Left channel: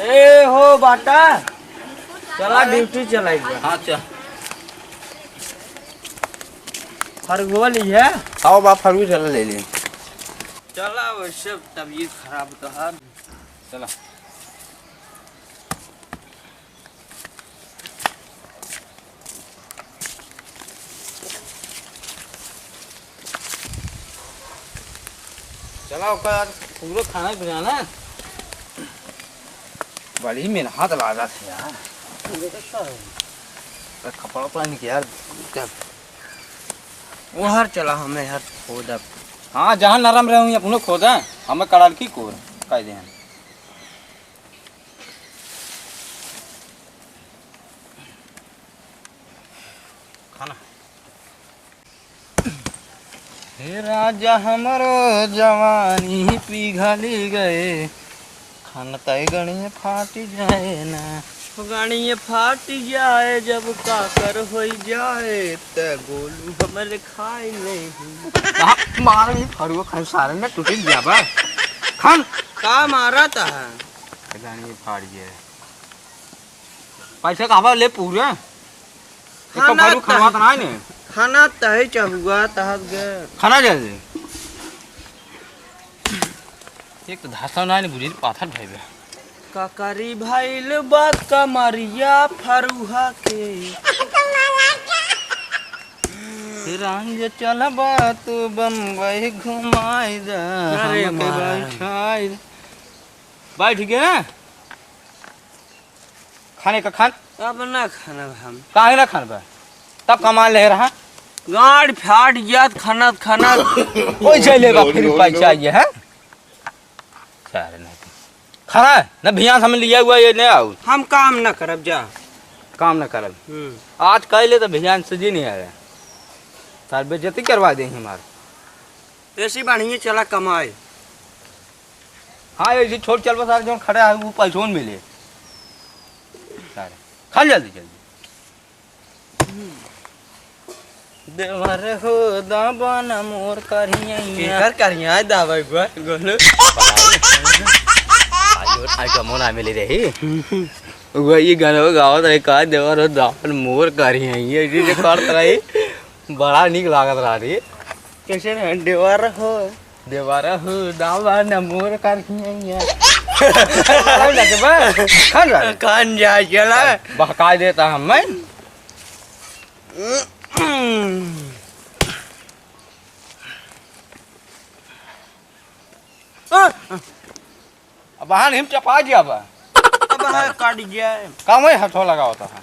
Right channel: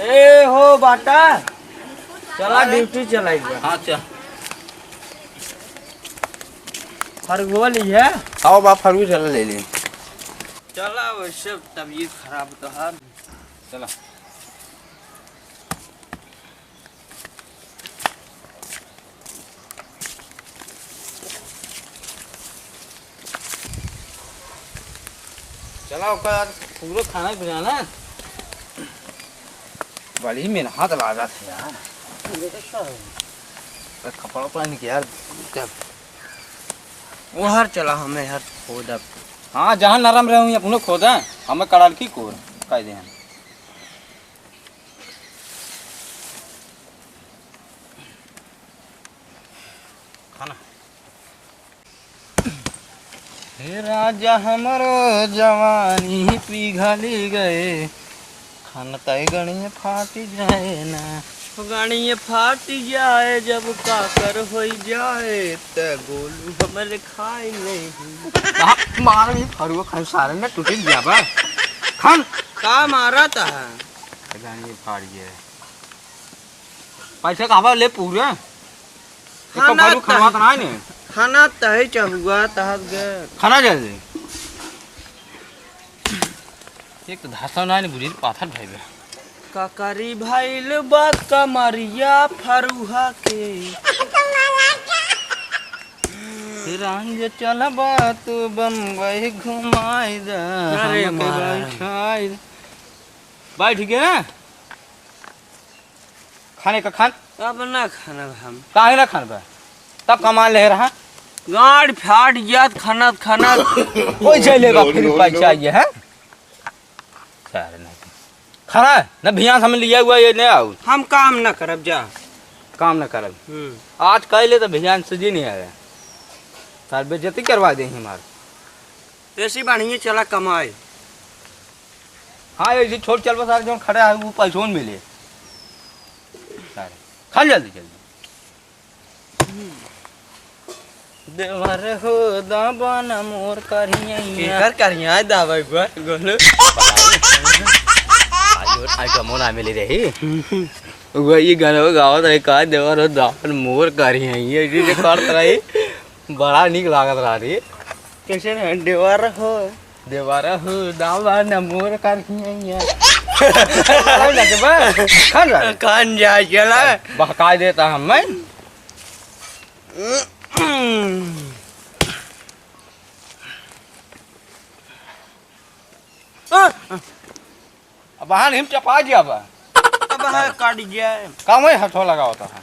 ए हो बाटा चला ड्यूटी चलाएगी। हाँ चल खरगोल है। आओ बाप फरगू चला ले ले। चला वैसे तबीयत खराब तो है। चला चला पूरा खाना पीना ना बड़ी मेहनत लगा था यार। कपड़ा उपड़ा नहीं किया यार। वो हर चला हमें हर खोद अब। हाँ जहाँ नरम रहे अपने खोदा हमें कड़ाल की कोर कह दे खाना। हे राजा हमारो जवानी पिघली गए खाना तय गणी फाटी जाए ना गाड़ी फाट जाए जब काकर हो जाए त गोलू हमरे खाए नहीं। मार फरुआ खान सारे में टूट गया बा खान का मारा था गाड़ी फाड़ गया पैसा कहाँ ले पूरे खाना फरू खाना तो नहीं खाना तहे चहुआ तहत गए खाना जल्दी एक तो धासा नहीं बुझी पाथर भाई बे काकरी भाईल बा कमरिया फरुहा के रंग चलबा तू बम्बई घुमाई दा अरे बैठाई बैठ गए ना खाने का खान अब ना खाना हम काहे ना खान बा तब कमा ले रहा गाड़ फाट गया खाना खाना कोई चलेगा फिर पैसा ये है सारे नहीं खाना न भियान हमें लिया हुआ ये नहीं आओ हम काम ना करब जा काम न करब आज कह ले तो भियान से जी नहीं आया सार बेइज्जती करवा दे हमारे ऐसी बढ़िया चला कमाए। हाँ ये छोड़ चल बस जो खड़ा है वो पैसों मिले सारे खा जल्दी जल्दी देवर हो दाबन मोर करिया करिया दावा गोलू आज मोना मिली रही वही गाना गावत रही का देवर हो दाबन मोर करिया ये चीज करत रही बड़ा निक लागत रही कैसे देवर हो दाबन मोर करिया कान जा चला बहका देता हमें अब हाँ हिम चपा दिया बा अब है काट गया काम है हथो लगा होता है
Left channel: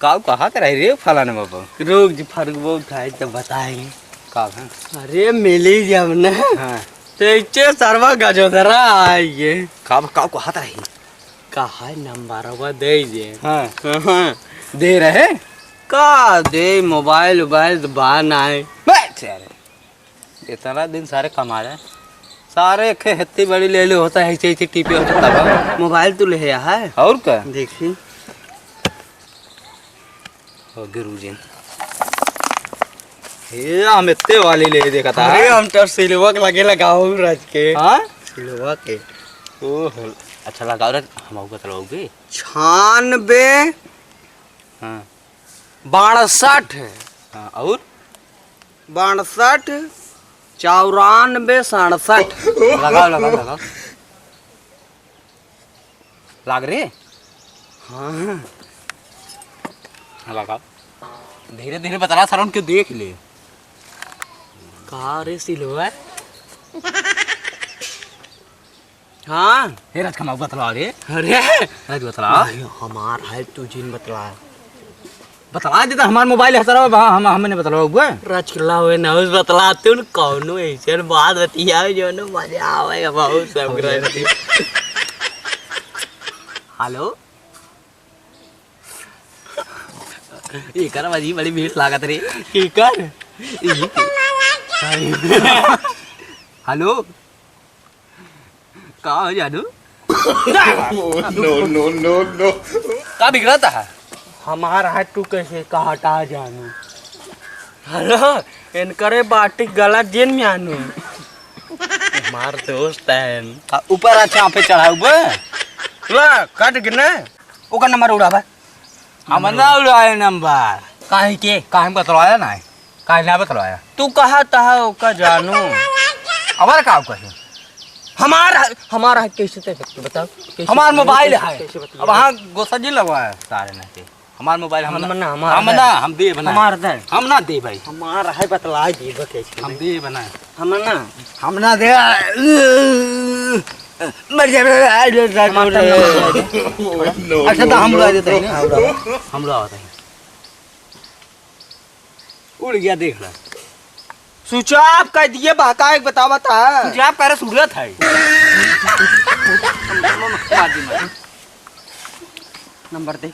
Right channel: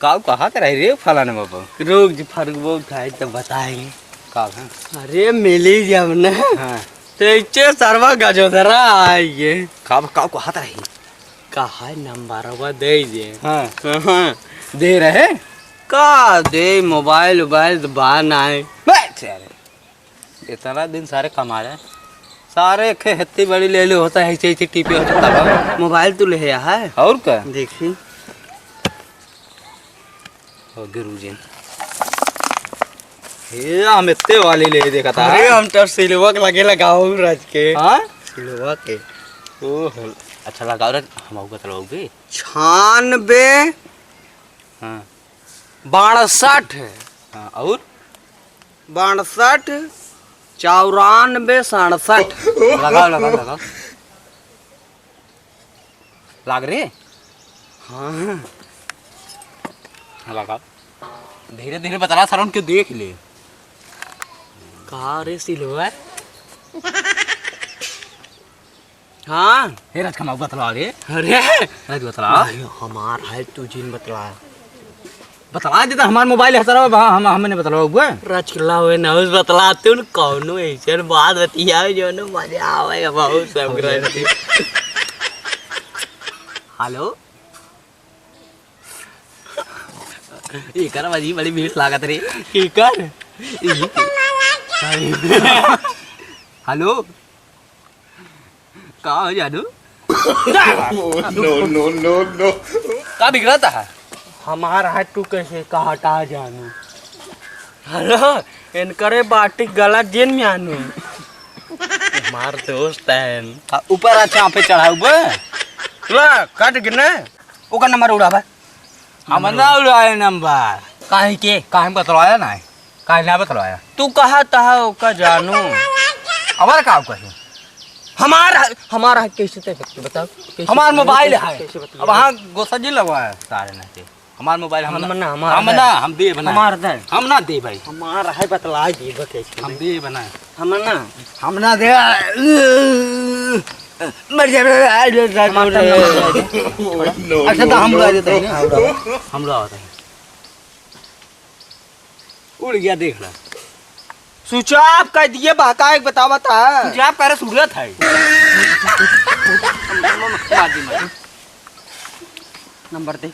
काऊ कहा कर रही रे फलाने बाबा रोग जी फर्क वो उठाए तो बताएंगे काऊ है अरे मिली जब न हाँ तो इच्चे सर्वा गजोदरा आइए काऊ काऊ कहा रही कहा नंबर वो दे दे हाँ हाँ दे रहे का दे मोबाइल वोबाइल तो बाहर ना आए बैठ यार इतना दिन सारे कमा रहे सारे खेती बड़ी ले लो होता है ऐसे ऐसे टीपी होता है मोबाइल तो ले आया है और क्या देखी गुरुजी ये हम इतने वाली ले देखा था अरे हम तो सिलवक लगे लगाओ राज के हाँ सिलवा के ओह अच्छा लगाओ रे हम आपको चलाओगे 96 हाँ 62 हाँ और 62 94 67 लगाओ लगाओ लगाओ लाग रही हाँ लगाओ धीरे धीरे बता रहा सर क्यों देख ले कहा रे सिलवा हाँ हे राज कमाऊ बतला रे अरे राज बतला हमार है तुझे बतला बतला देता हमारा मोबाइल है सर हम हमने बतला हुआ रचला हुए ना उस बतलाते उन कौनो ऐसे बात बतिया जो ना मजा आवेगा बहुत सब करती हेलो ये कर बाजी बड़ी भीड़ लागत रे की कर हेलो कहाँ हो जादू no. कहाँ बिगड़ा है हमारा है तू कैसे कहा हटा जानू हेलो इनकरे बाटी गला जेन में आनू हमार दोस्त है ऊपर अच्छा पे चढ़ा हुआ ला काट गिने ओका नंबर उड़ा भाई हम ना उड़ाए नंबर काहे के काहे में बतलवाया ना काहे ना बतलवाया तू कहा तहा का जानू हमारा काम कहे हमारा है कैसे ते बताओ कैसे हमार मोबाइल है कैसे बतिया? अब हाँ गोसा जी लगवाया सारे ना से हमार मोबाइल हम ना हम दे बना हमार दे हम ना दे भाई हमारा है बतला जी कैसे हम दे बना हम ना दे मर जा No. अच्छा तो हम उड़ा देते हैं हम उड़ाते हैं उड़ गया देख ला स्विच ऑफ कर दिए बाका एक बतावा था तुझे आप कह रहे सूरत है नंबर दे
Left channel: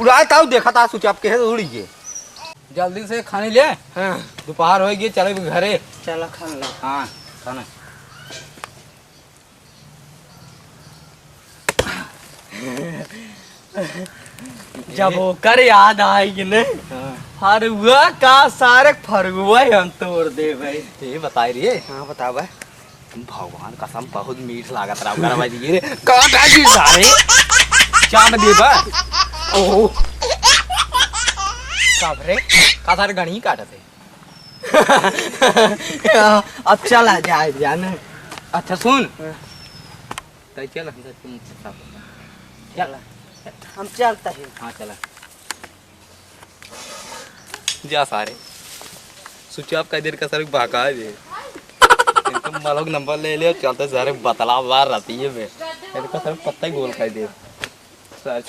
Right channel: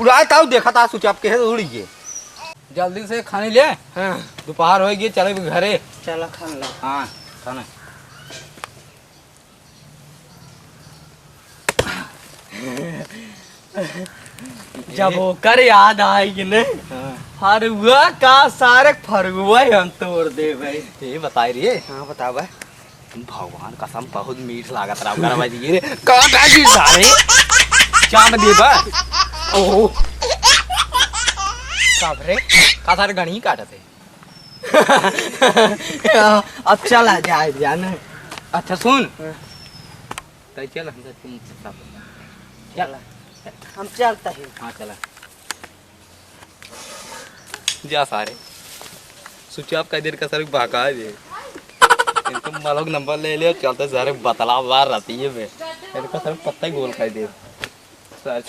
उड़ाए ताऊ देखा था स्विच ऑफ के है तो उड़ गए जल्दी से खाने ले हाँ दोपहर हो गई चले घरे चला खा ला हाँ खाना जब होकर याद आएगी ने फरुआ का सारे फरुआ हम तोड़ दे भाई ये बताई रही है हाँ बता भाई भगवान कसम बहुत मीठ लागत रहा कर भाई ये का जी सारे चाम दे बा ओ कब रे का सारे गणी काटते अब चला जाए जाने अच्छा सुन तो चल हम तुम चला हम चलते हैं हाँ चला जा सारे स्विच ऑफ का देर का सर भागा दे तुम मालोग नंबर ले लियो चलते सारे बतला बार रहती है मैं इनका सर पत्ता ही गोल खाई दे सर